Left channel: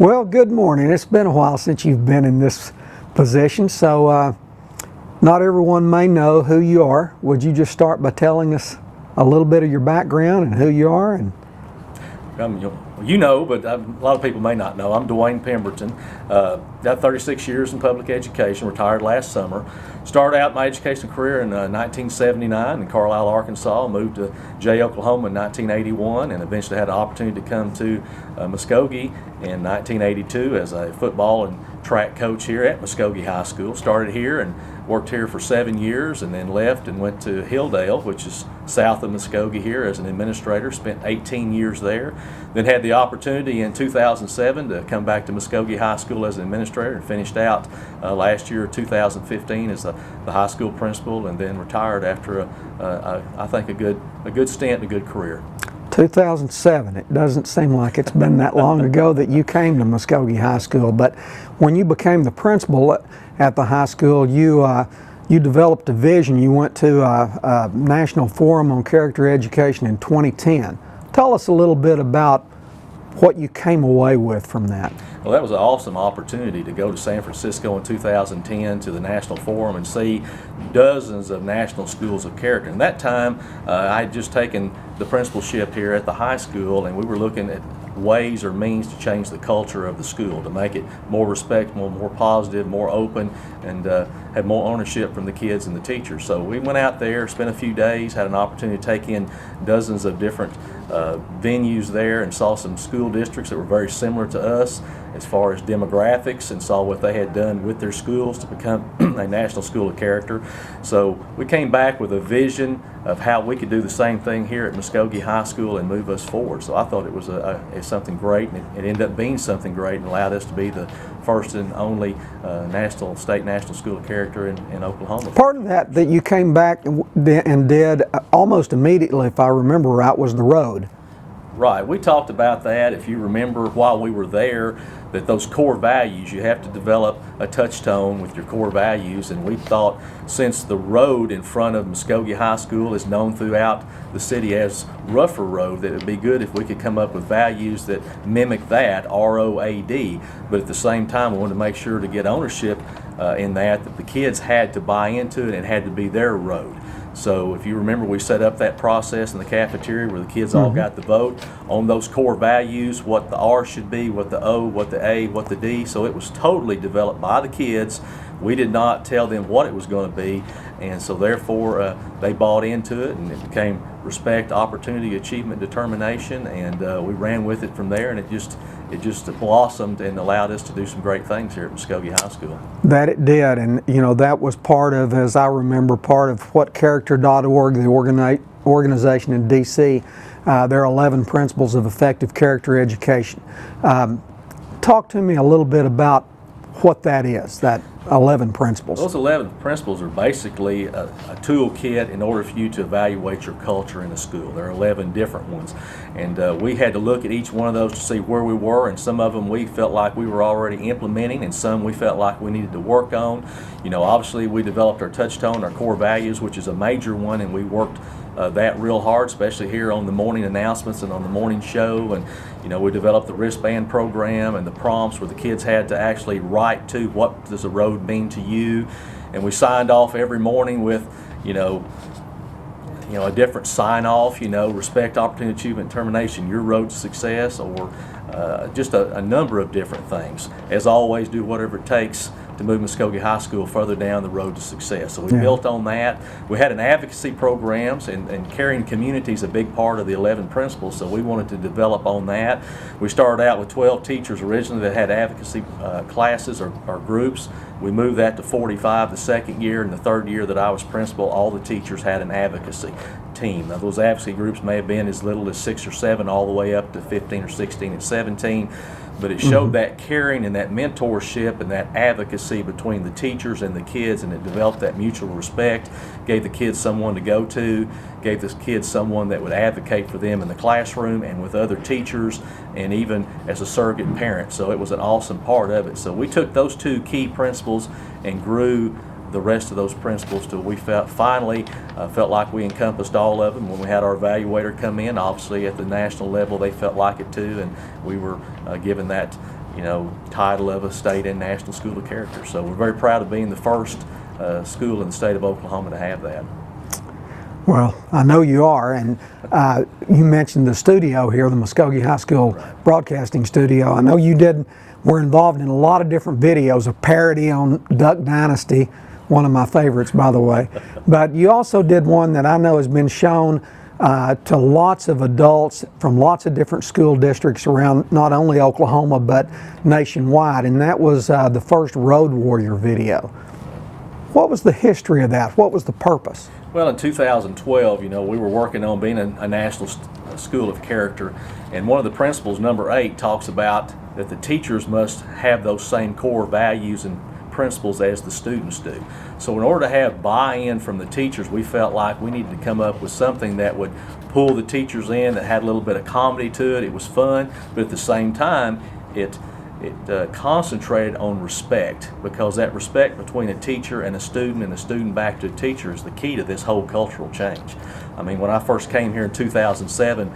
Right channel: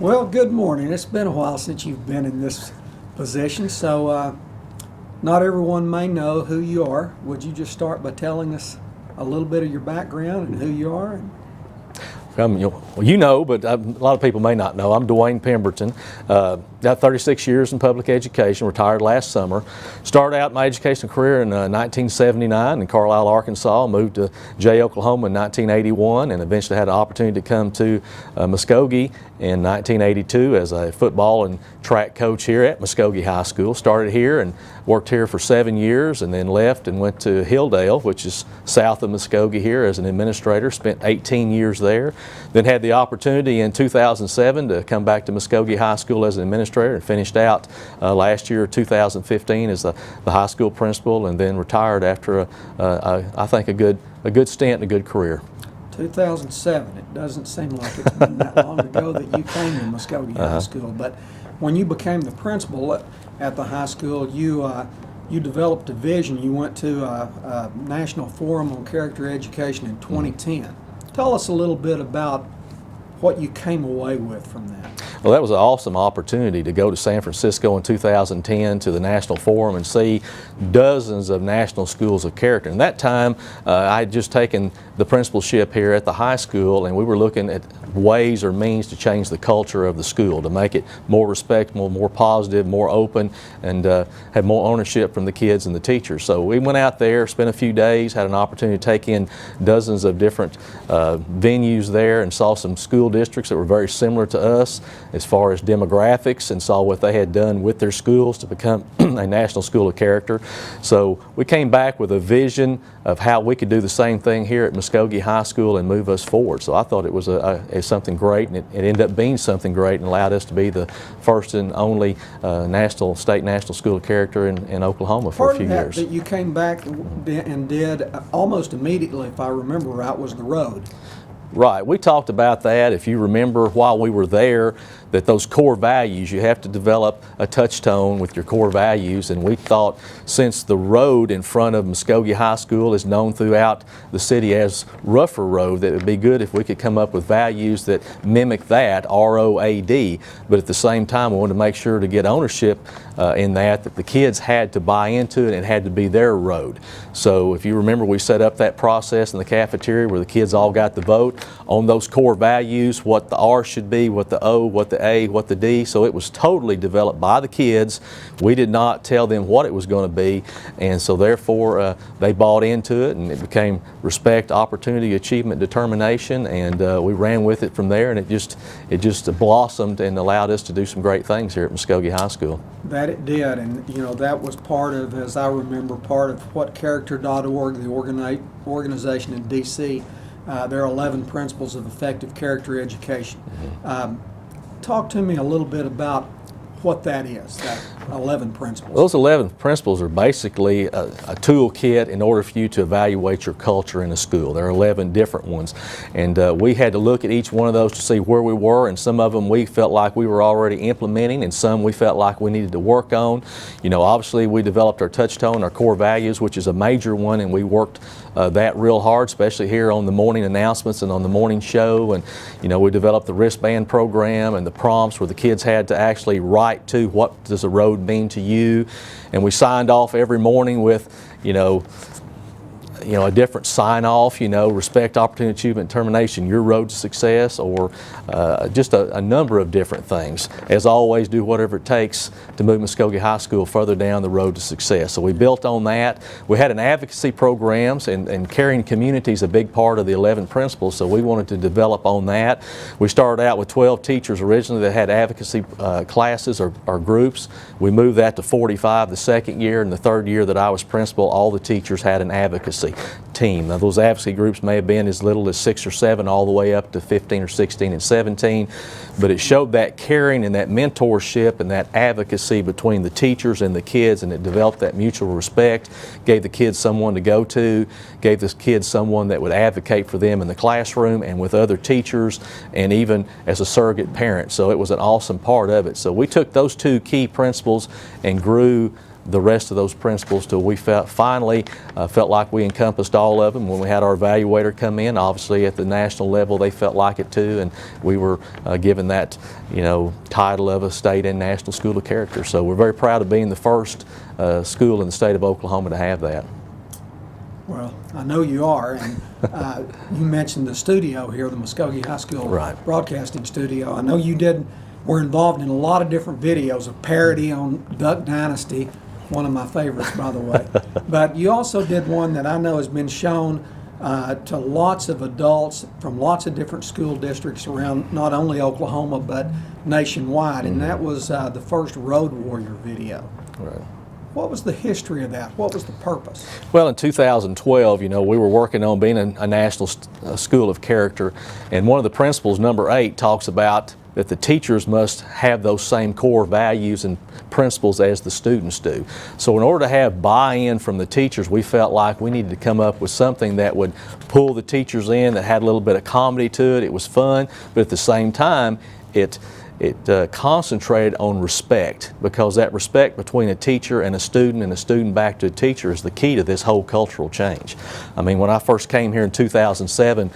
Well, good morning. It's been a while since you've been in this position, so not everyone may know who you are. Would you just start by telling us a little bit of your background and who you are? You know, but a lot of people may not know. I'm Dewayne Pemberton. Got 36 years in public education, retired last summer. Started out my educational career in 1979 in Carlisle, Arkansas. Moved to Jay, Oklahoma in 1981, and eventually had an opportunity to come to Muskogee in 1982 as a football and track coach here at Muskogee High School. Started here and worked here for 7 years, and then left and went to Hilldale, which is south of Muskogee here, as an administrator. Spent 18 years there. Then had the opportunity in 2007 to come back to Muskogee High School as an administrator, and finished out last year, 2015, as the high school principal, and then retired after I think a good stint and a good career. 2007. It doesn't seem like it's been that long ago that you came to Muskogee High School, but when you became the principal at the high school, you developed a vision. You went to a National Forum on Character Education in 2010. Tell us a little bit about what you came away with from that. Well, that was an awesome opportunity to go to San Francisco in 2010 to the National Forum and see dozens of national schools of character. And that time, I had just taken the principalship here at the high school, and we were looking at ways or means to change the culture of the school, to make it more respectful, more positive, more open, and have more ownership from the kids and the teachers. So we went out there, spent a few days, had an opportunity to take in dozens of different venues there, and saw some school districts that were very similar to us as far as demographics, and saw what they had done with their schools to become a national school of character. So we came back with a vision of how we could do the same thing here at Muskogee High School and move us forward. So I thought it was something great, and it ended up being something great, and allowed us to be the first and only state national school of character in Oklahoma for a few years. That you came back and did almost immediately, if I remember right, was the R.O.A.D. Right. We talked about that, if you remember, while we were there, that those core values, you have to develop a touchstone with your core values, and we thought, since the road in front of Muskogee High School is known throughout the city as RougherTV, that it would be good if we could come up with values that mimic that, R.O.A.D, but at the same time we wanted to make sure to get ownership in that the kids had to buy into it, and it had to be their road. So if you remember, we set up that process in the cafeteria where the kids all got the vote on those core values, what the R should be, what the O, what the A, what the D. So it was totally developed by the kids. We did not tell them what it was going to be, and so therefore they bought into it, and it became respect, opportunity, achievement, determination, and we ran with it from there, and it just blossomed and allowed us to do some great things here at Muskogee High School. That it did, and you know, that was part of, as I remember, part of what Character.org, the organization in D.C., there are 11 principles of effective character education. Talk to me a little bit about what that is, that 11 principles. Those 11 principles are basically a toolkit in order for you to evaluate your culture in a school. There are 11 different ones, and we had to look at each one of those to see where we were, and some of them we felt like we were already implementing, and some we felt like we needed to work on. You know, obviously we developed our touchstone, our core values, which is a major one, and we worked that real hard, especially here on the morning announcements and on the morning show. And you know, we developed the wristband program and the prompts where the kids had to actually write to what does a road mean to you, and we signed off every morning with a different sign-off, respect, opportunity, achievement, determination, your road to success, or just a number of different things. As always, do whatever it takes to move Muskogee High School further down the road to success. So we built on that. We had an advocacy programs, and caring community is a big part of the 11 principles, so we wanted to develop on that. We started out with 12 teachers originally that had advocacy classes or groups. We moved that to 45 the second year, and the third year that I was principal, all the teachers had an advocacy team. Now, those advocacy groups may have been as little as 6 or 7 all the way up to 15 or 16 and 17, but it showed that caring and that mentorship and that advocacy between the teachers and the kids, and it developed that mutual respect, gave the kids someone to go to, gave the kids someone that would advocate for them in the classroom and with other teachers, and even as a surrogate parent. So it was an awesome part of it. So we took those two key principles and grew the rest of those principals till we finally felt like we encompassed all of them. When we had our evaluator come in, obviously at the national level they felt like it too, and we were given that title of a state and national school of character. So we're very proud of being the first school in the state of Oklahoma to have that. Well, I know you are, and you mentioned the studio here, the Muskogee High School broadcasting studio. I know you were involved in a lot of different videos, a parody on Duck Dynasty, one of my favorites, by the way. But you also did one that I know has been shown to lots of adults from lots of different school districts around not only Oklahoma but nationwide, and that was the first Road Warrior video. What was the history of that? What was the purpose? Well, in 2012, we were working on being a national school of character, and one of the principles, number 8, talks about that the teachers must have those same core values and principles as the students do. So in order to have buy-in from the teachers, we felt like we needed to come up with something that would pull the teachers in, that had a little bit of comedy to it. It was fun, but at the same time, it concentrated on respect, because that respect between a teacher and a student back to a teacher is the key to this whole cultural change. I mean, when I first came here in 2007,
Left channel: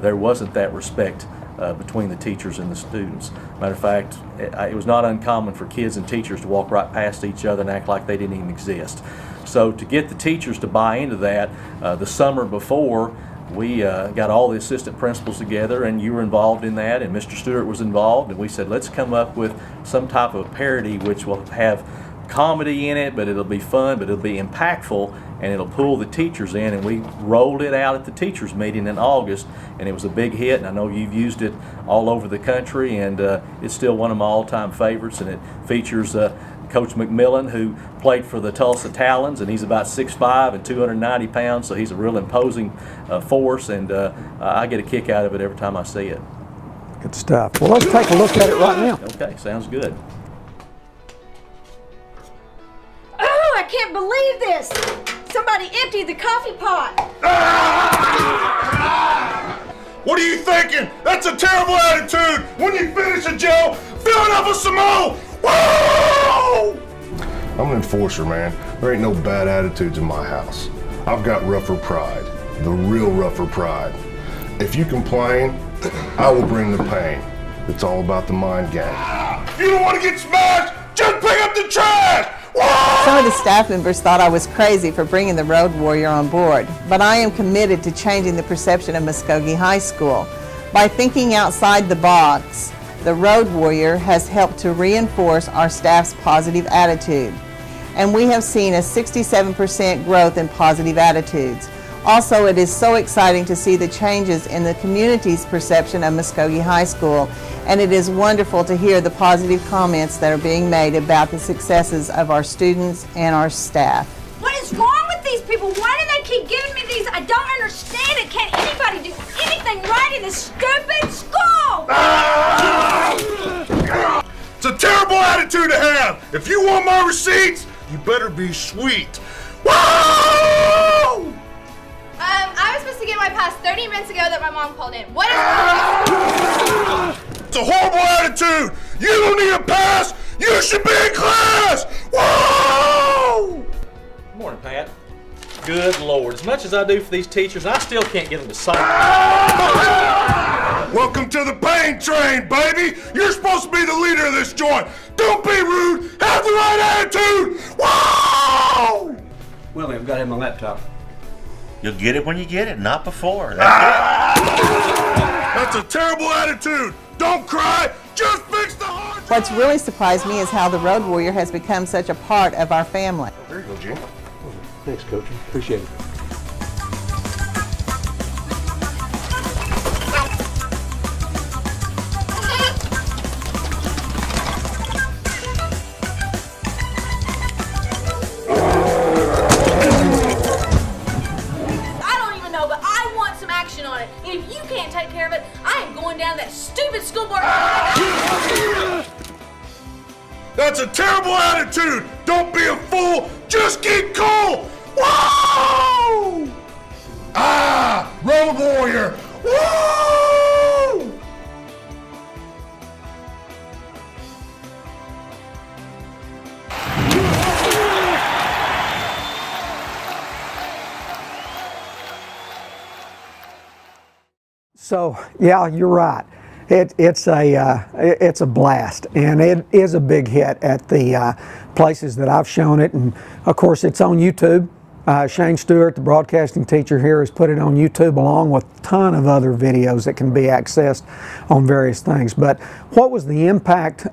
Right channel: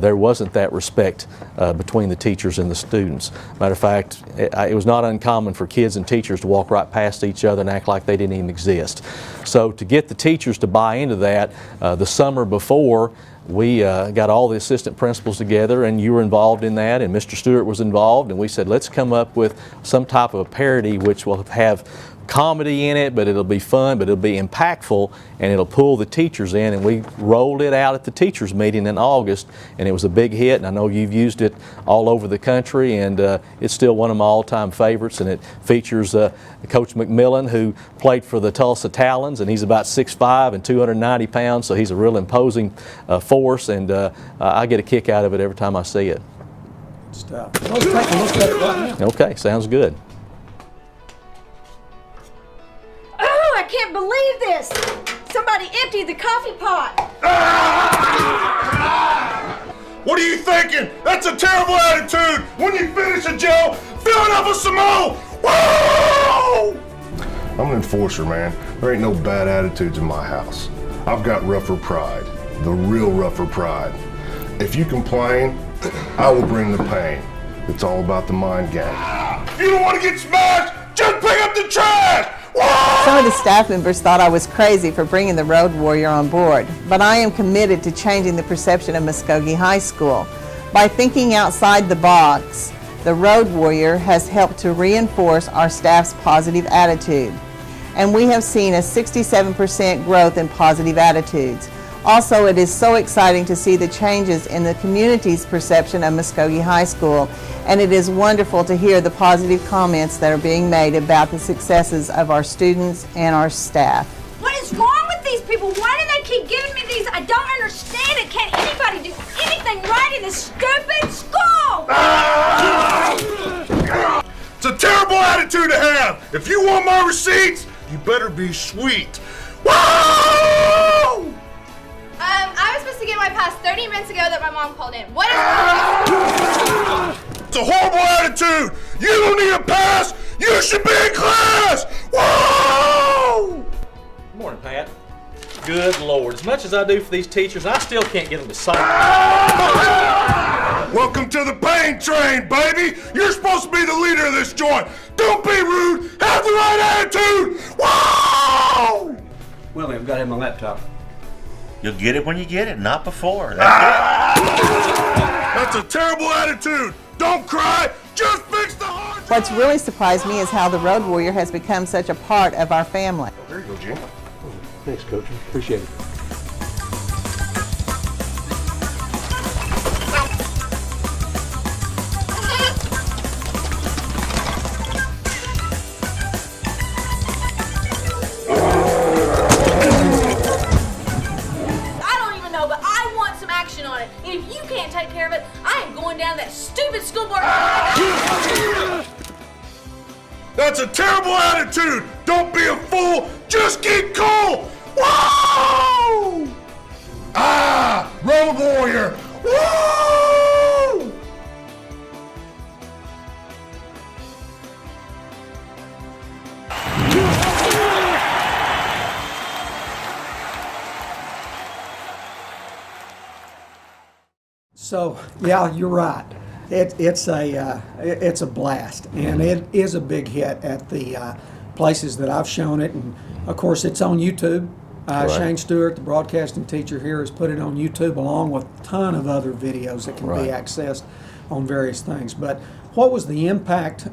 there wasn't that respect between the teachers and the students. Matter of fact, it was not uncommon for kids and teachers to walk right past each other and act like they didn't even exist. So to get the teachers to buy into that, the summer before, we got all the assistant principals together, and you were involved in that, and Mr. Stewart was involved, and we said, let's come up with some type of parody which will have comedy in it, but it'll be fun, but it'll be impactful, and it'll pull the teachers in. And we rolled it out at the teachers meeting in August, and it was a big hit, and I know you've used it all over the country, and it's still one of my all-time favorites. And it features Coach McMillan, who played for the Tulsa Talons, and he's about 6'5" and 290 pounds, so he's a real imposing force, and I get a kick out of it every time I see it. Good stuff. Well, let's take a look at it right now. Okay, sounds good. I can't believe this! Somebody emptied the coffee pot! What are you thinking? That's a terrible attitude! When you finish a Joe, fill it up with some more! Whoa! I'm an enforcer, man. There ain't no bad attitudes in my house. I've got rougher pride, the real rougher pride. If you complain, I will bring the pain. It's all about the mind game. If you don't want to get smashed, just pick up the trash! Some of the staff members thought I was crazy for bringing the Road Warrior on board, but I am committed to changing the perception of Muskogee High School. By thinking outside the box, the Road Warrior has helped to reinforce our staff's positive attitude, and we have seen a 67% growth in positive attitudes. Also, it is so exciting to see the changes in the community's perception of Muskogee High School, and it is wonderful to hear the positive comments that are being made about the successes of our students and our staff. What is wrong with these people? Why do they keep giving me these? I don't understand it. Can't anybody do anything right in this stupid school? It's a terrible attitude to have. If you want my receipts, you better be sweet. Whoa! I was supposed to get my pass 30 minutes ago that my mom called in. What is It's a horrible attitude. You don't need a pass. You should be in class. Whoa! Good morning, Pat. Good Lord. As much as I do for these teachers, I still can't get them to sign. Welcome to the pain train, baby. You're supposed to be the leader of this joint. Don't be rude. Have the right attitude. Whoa! Well, I've got to have my laptop. You'll get it when you get it, not before. That's That's a terrible attitude. Don't cry. Just fix the hard drive. What's really surprised me is how the Road Warrior has become such a part of our family. There you go, Jim. Thanks, Coach. Appreciate it. on it. And if you can't take care of it, I am going down to that stupid school board. That's a terrible attitude. Don't be a fool. Just keep cool. Whoa! Ah, Road Warrior. Woo! So yeah, you're right. It's a blast, and it is a big hit at the places that I've shown it, and of course it's on YouTube. Shane Stewart, the broadcasting teacher here, has put it on YouTube along with a ton of other videos that can be accessed on various things. But what was the impact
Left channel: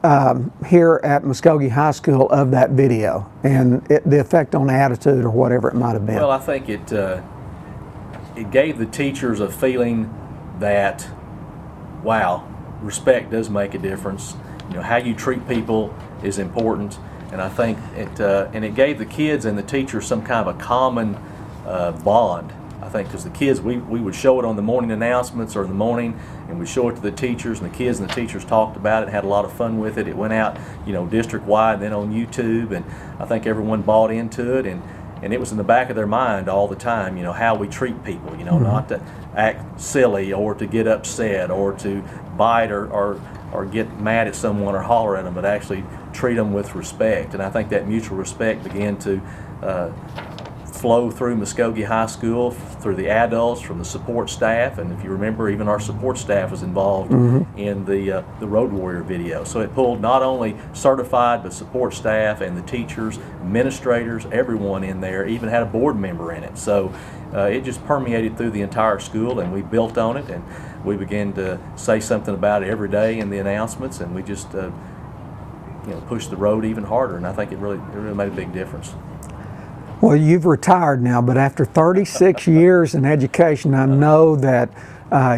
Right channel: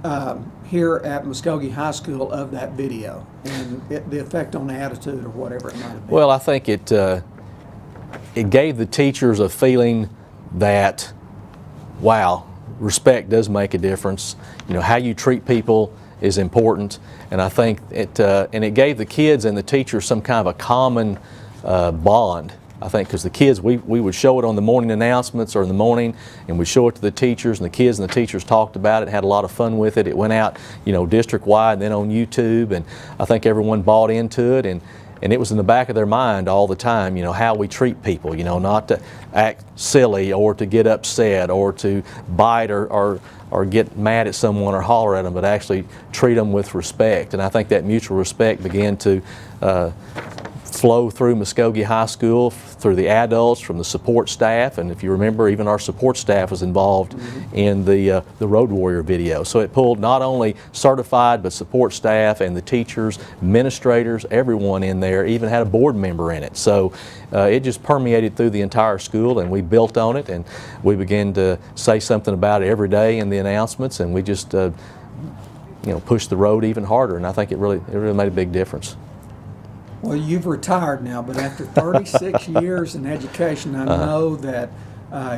here at Muskogee High School of that video, and the effect on attitude or whatever it might have been? Well, I think it gave the teachers a feeling that, wow, respect does make a difference. You know, how you treat people is important. And I think it gave the kids and the teachers some kind of a common bond. I think because the kids, we would show it on the morning announcements or in the morning, and we'd show it to the teachers, and the kids and the teachers talked about it, had a lot of fun with it. It went out, you know, district-wide, then on YouTube, and I think everyone bought into it, and it was in the back of their mind all the time, you know, how we treat people, you know, not to act silly or to get upset or to bite or get mad at someone or holler at them, but actually treat them with respect. And I think that mutual respect began to flow through Muskogee High School, through the adults, from the support staff, and if you remember, even our support staff was involved in the Road Warrior video. So it pulled not only certified, but support staff and the teachers, administrators, everyone in there, even had a board member in it. So it just permeated through the entire school, and we built on it, and we began to say something about it every day in the announcements, and we just you know, pushed the road even harder, and I think it really made a big difference. Well, you've retired now, but after 36 years in education, I know that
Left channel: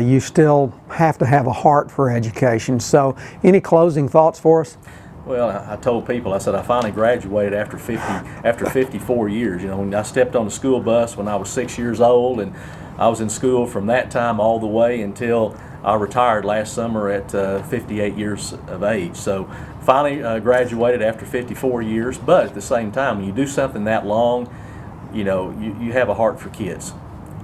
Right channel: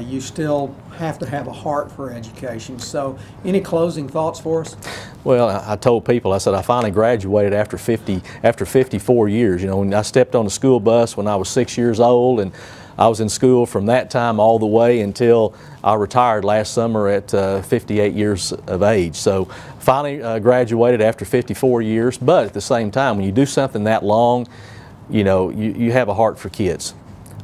you still have to have a heart for education. So any closing thoughts for us? Well, I told people, I said I finally graduated after 54 years. You know, when I stepped on the school bus when I was 6 years old, and I was in school from that time all the way until I retired last summer at 58 years of age. So finally graduated after 54 years, but at the same time, when you do something that long, you know, you have a heart for kids.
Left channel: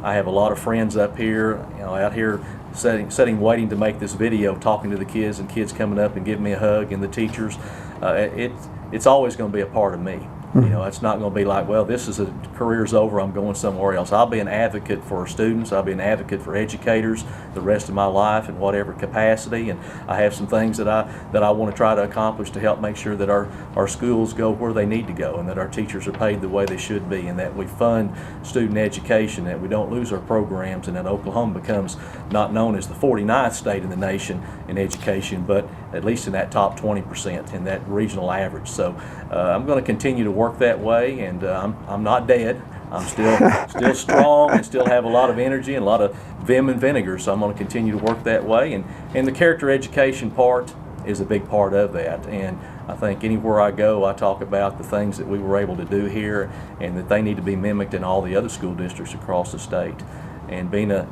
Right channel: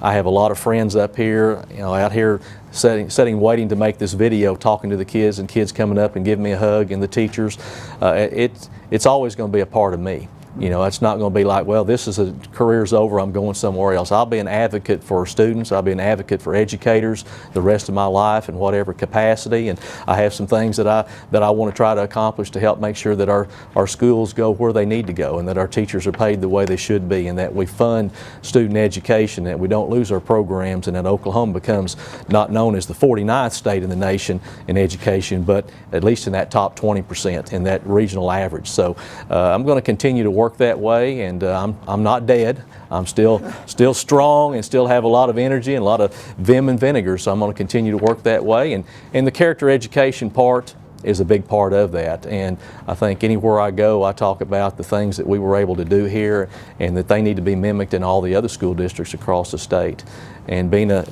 I have a lot of friends up here, you know, out here sitting waiting to make this video, talking to the kids, and kids coming up and giving me a hug, and the teachers. It's always going to be a part of me. You know, it's not going to be like, well, this is career's over, I'm going somewhere else. I'll be an advocate for students. I'll be an advocate for educators the rest of my life in whatever capacity. And I have some things that I want to try to accomplish to help make sure that our schools go where they need to go, and that our teachers are paid the way they should be, and that we fund student education, that we don't lose our programs, and that Oklahoma becomes not known as the 49th state in the nation in education, but at least in that top 20% in that regional average. So I'm going to continue to work that way, and I'm not dead. I'm still strong and still have a lot of energy and a lot of vim and vinegar, so I'm going to continue to work that way. And the character education part is a big part of that, and I think anywhere I go, I talk about the things that we were able to do here, and that they need to be mimicked in all the other school districts across the state. And being a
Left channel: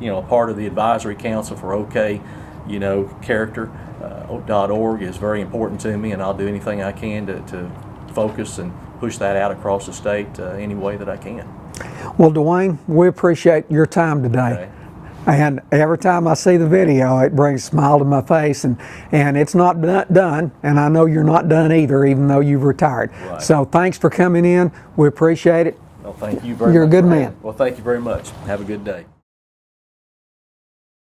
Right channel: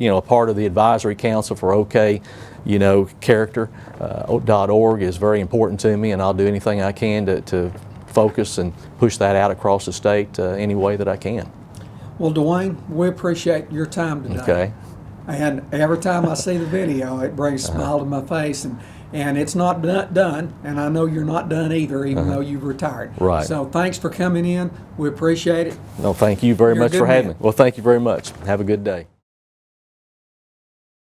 you know, a part of the advisory council for OK, you know, character.org is very important to me, and I'll do anything I can to focus and push that out across the state any way that I can. Well, Dewayne, we appreciate your time today. Okay. And every time I see the video, it brings a smile to my face, and it's not done, and I know you're not done either, even though you've retired. Right. So thanks for coming in. We appreciate it. No, thank you very You're a much good for having man. me. Well, thank you very much. Have a good day.